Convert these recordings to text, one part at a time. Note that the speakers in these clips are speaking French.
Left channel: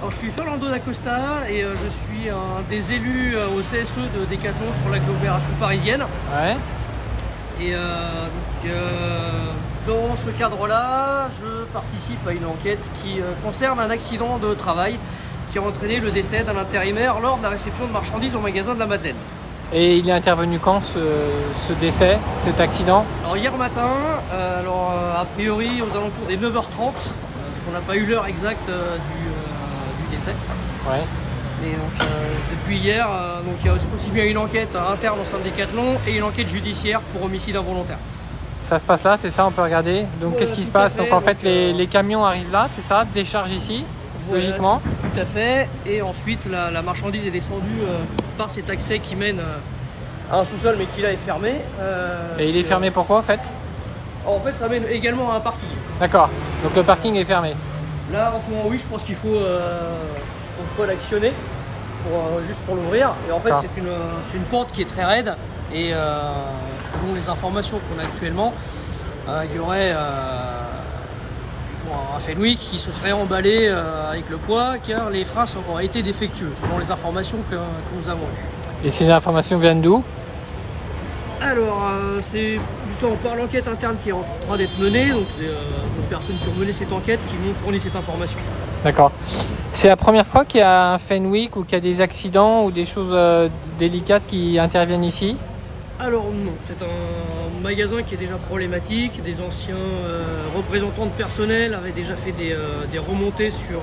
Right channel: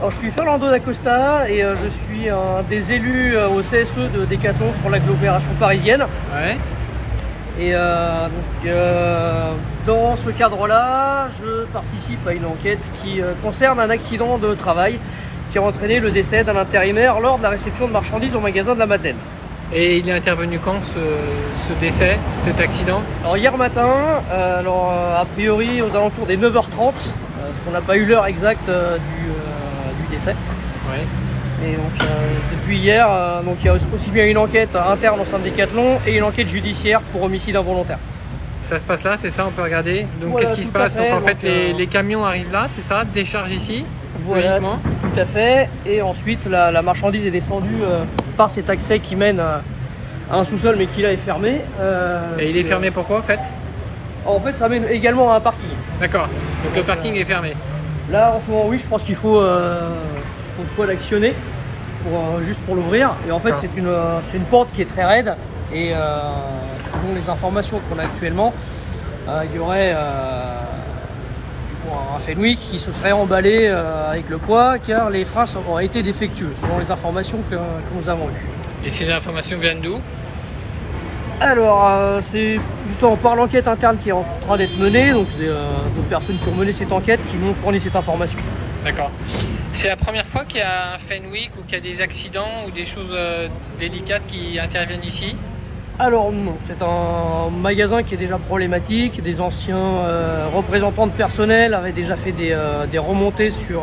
Alors, je suis Fernando D'Acosta et je suis un des élus au CSE de Decathlon sur l'agglomération parisienne. Ouais. Et dans ce cadre-là, je participe à une enquête qui concerne un accident de travail qui a entraîné le décès d'un intérimaire lors de la réception de marchandises au magasin de la Madeleine. Et il est intervenu quand ce décès, cet accident? Alors hier matin, a priori aux alentours des 9h30, parce qu'on n'a pas eu l'heure exacte du décès. Ouais. Et donc depuis hier, il y a aussi bien une enquête interne au sein de Decathlon et une enquête judiciaire pour homicide involontaire. Ça se passe là, c'est ça, on peut regarder. Donc voilà, qu'est-ce qui se passe? Donc en fait les camions arrivent là, c'est ça, déchargent ici, voilà, logiquement. Tout à fait. Et ensuite la marchandise est descendue par cet accès qui mène à un sous-sol mais qui là est fermé. Et il est fermé pourquoi en fait? En fait ça mène également à un parking. D'accord, donc le parking est fermé. Là en ce moment oui, je pense qu'il faut l'actionner juste pour l'ouvrir. Et en fait c'est une porte qui est très raide et selon les informations qu'on a actuellement, il y aurait un Fenwick qui se serait emballé avec le poids car les freins auraient été défectueux selon les informations que nous avons eues. Et ces informations viennent d'où? Alors c'est justement par l'enquête interne qui est en train d'être menée, donc c'est d'autres personnes qui ont mené cette enquête qui m'ont fourni cette information. D'accord. C'est la première fois qu'il y a un Fenwick ou qu'il y a des accidents ou des choses délicates qui interviennent ici? Alors non, c'est un magasin qui est déjà problématique. Des anciens représentants de personnel avaient déjà fait des remontées sur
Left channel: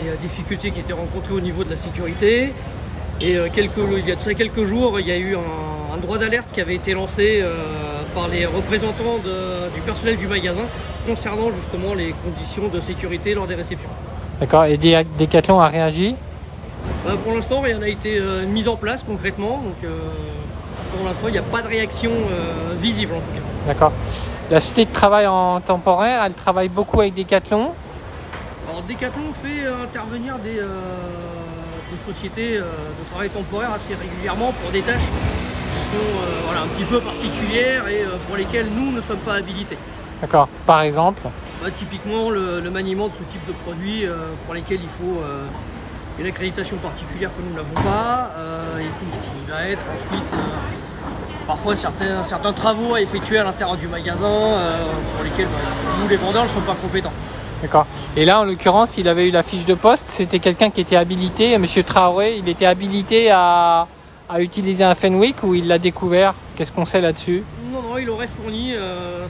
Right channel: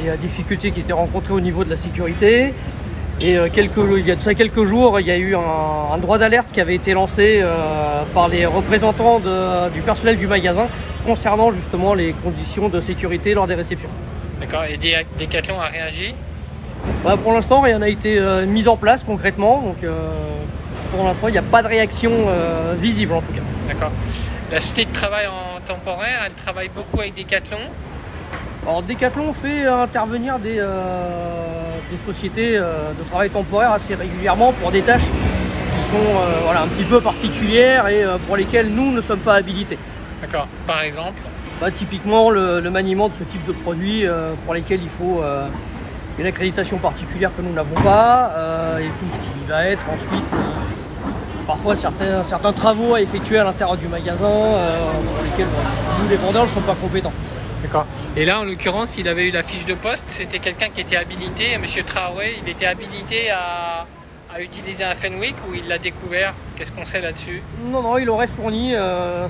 les difficultés qui étaient rencontrées au niveau de la sécurité. Et il y a de ça quelques jours, il y a eu un droit d'alerte qui avait été lancé par les représentants du personnel du magasin concernant justement les conditions de sécurité lors des réceptions. D'accord, et Decathlon a réagi? Pour l'instant, rien n'a été mis en place concrètement, donc pour l'instant, il n'y a pas de réaction visible en tout cas. D'accord. La société de travail en temporaire, elle travaille beaucoup avec Decathlon? Alors Decathlon fait intervenir des sociétés de travail temporaire assez régulièrement pour des tâches qui sont un petit peu particulières et pour lesquelles nous ne sommes pas habilités. D'accord. Par exemple? Typiquement le maniement de ce type de produit pour lesquels il faut une accréditation particulière que nous n'avons pas et tout ce qui va être ensuite parfois certains travaux à effectuer à l'intérieur du magasin pour lesquels nous les vendeurs ne sommes pas compétents. D'accord. Et là, en l'occurrence, il avait eu la fiche de poste. C'était quelqu'un qui était habilité. Monsieur Traoré, il était habilité à utiliser un Fenwick ou il l'a découvert? Qu'est-ce qu'on sait là-dessus? Non, il aurait fourni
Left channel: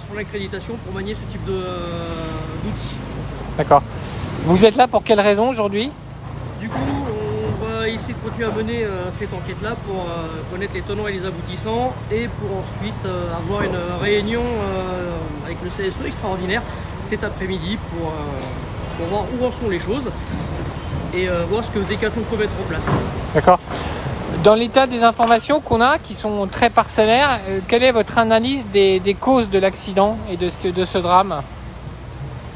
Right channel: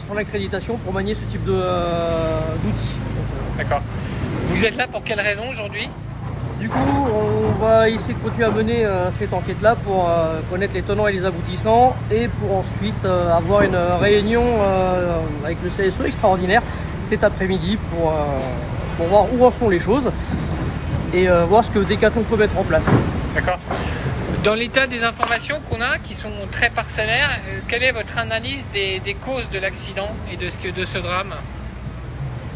son accréditation pour manier ce type d'outils. D'accord. Vous êtes là pour quelle raison aujourd'hui? Du coup, on va essayer de continuer à mener cette enquête-là pour connaître les tenants et les aboutissants et pour ensuite avoir une réunion avec le CSE extraordinaire cet après-midi pour voir où en sont les choses et voir ce que Decathlon peut mettre en place. D'accord. Dans l'état des informations qu'on a, qui sont très parcellaires, quelle est votre analyse des causes de l'accident et de ce drame?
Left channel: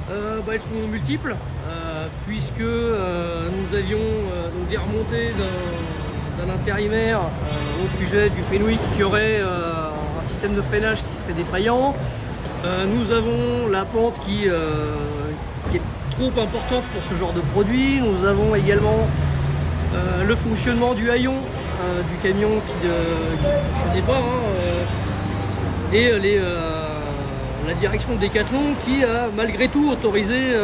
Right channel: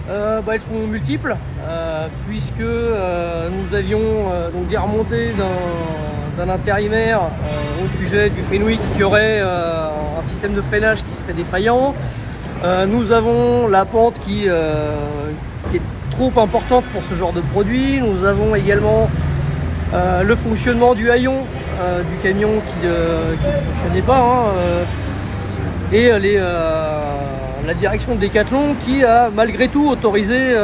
Elles sont multiples, puisque nous avions donc des remontées d'un intérimaire au sujet du Fenwick qui aurait un système de freinage qui serait défaillant. Nous avons la pente qui est trop importante pour ce genre de produit. Nous avons également le fonctionnement du haillon du camion qui ne fonctionnait pas, et la direction de Decathlon qui a malgré tout autorisé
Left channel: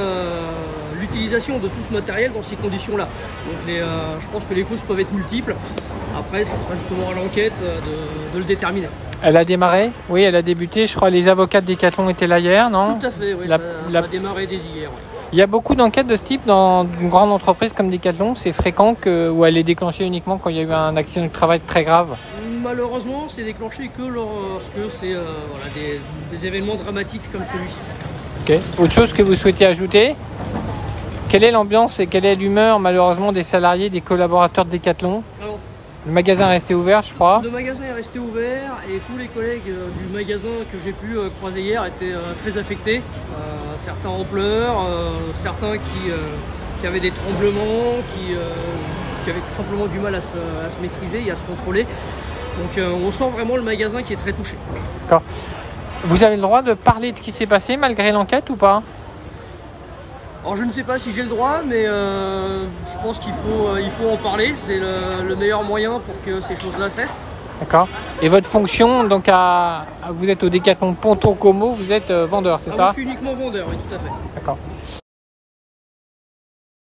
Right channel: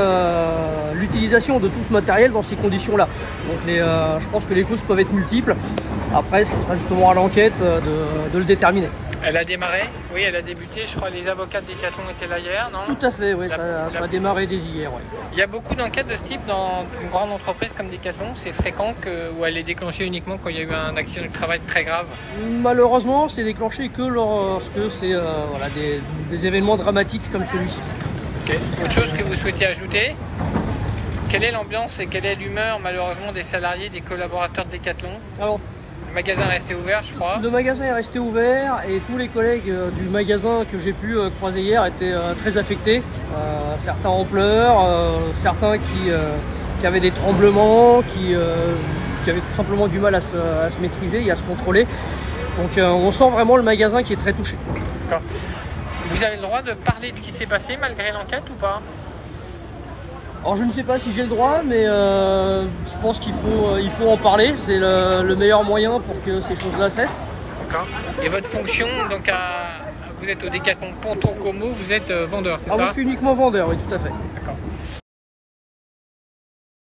l'utilisation de tout ce matériel dans ces conditions-là. Donc je pense que les causes peuvent être multiples. Après, ce sera justement à l'enquête de le déterminer. Elle a démarré? Oui, elle a débuté. Je crois que les avocats de Decathlon étaient là hier, non? Tout à fait, oui, ça a démarré dès hier. Oui. Il y a beaucoup d'enquêtes de ce type dans une grande entreprise comme Decathlon. C'est fréquent où elle est déclenchée uniquement quand il y a eu un accident de travail très grave? Malheureusement, c'est déclenché que lorsque c'est des événements dramatiques comme celui-ci. Ok. Autre chose que vous souhaitez ajouter? Quelle est l'ambiance et quelle est l'humeur malheureusement des salariés, des collaborateurs de Decathlon? Alors, le magasin est resté ouvert, je crois. Le magasin est resté ouvert et tous les collègues du magasin que j'ai pu croiser hier étaient très affectés. Certains en pleurs, certains qui avaient des tremblements, qui avaient tout simplement du mal à se maîtriser et à se contrôler. Donc on sent vraiment le magasin qui est très touché. D'accord. Vous avez le droit de parler de ce qui s'est passé malgré l'enquête ou pas? Alors je ne sais pas si j'ai le droit, mais je pense qu'il faut en parler. C'est le meilleur moyen pour que ces choses-là cessent. D'accord. Et votre fonction, donc vous êtes au Décathlon Pontour Como, vous êtes vendeur, c'est ça? Moi je suis uniquement vendeur, oui, tout à fait. D'accord.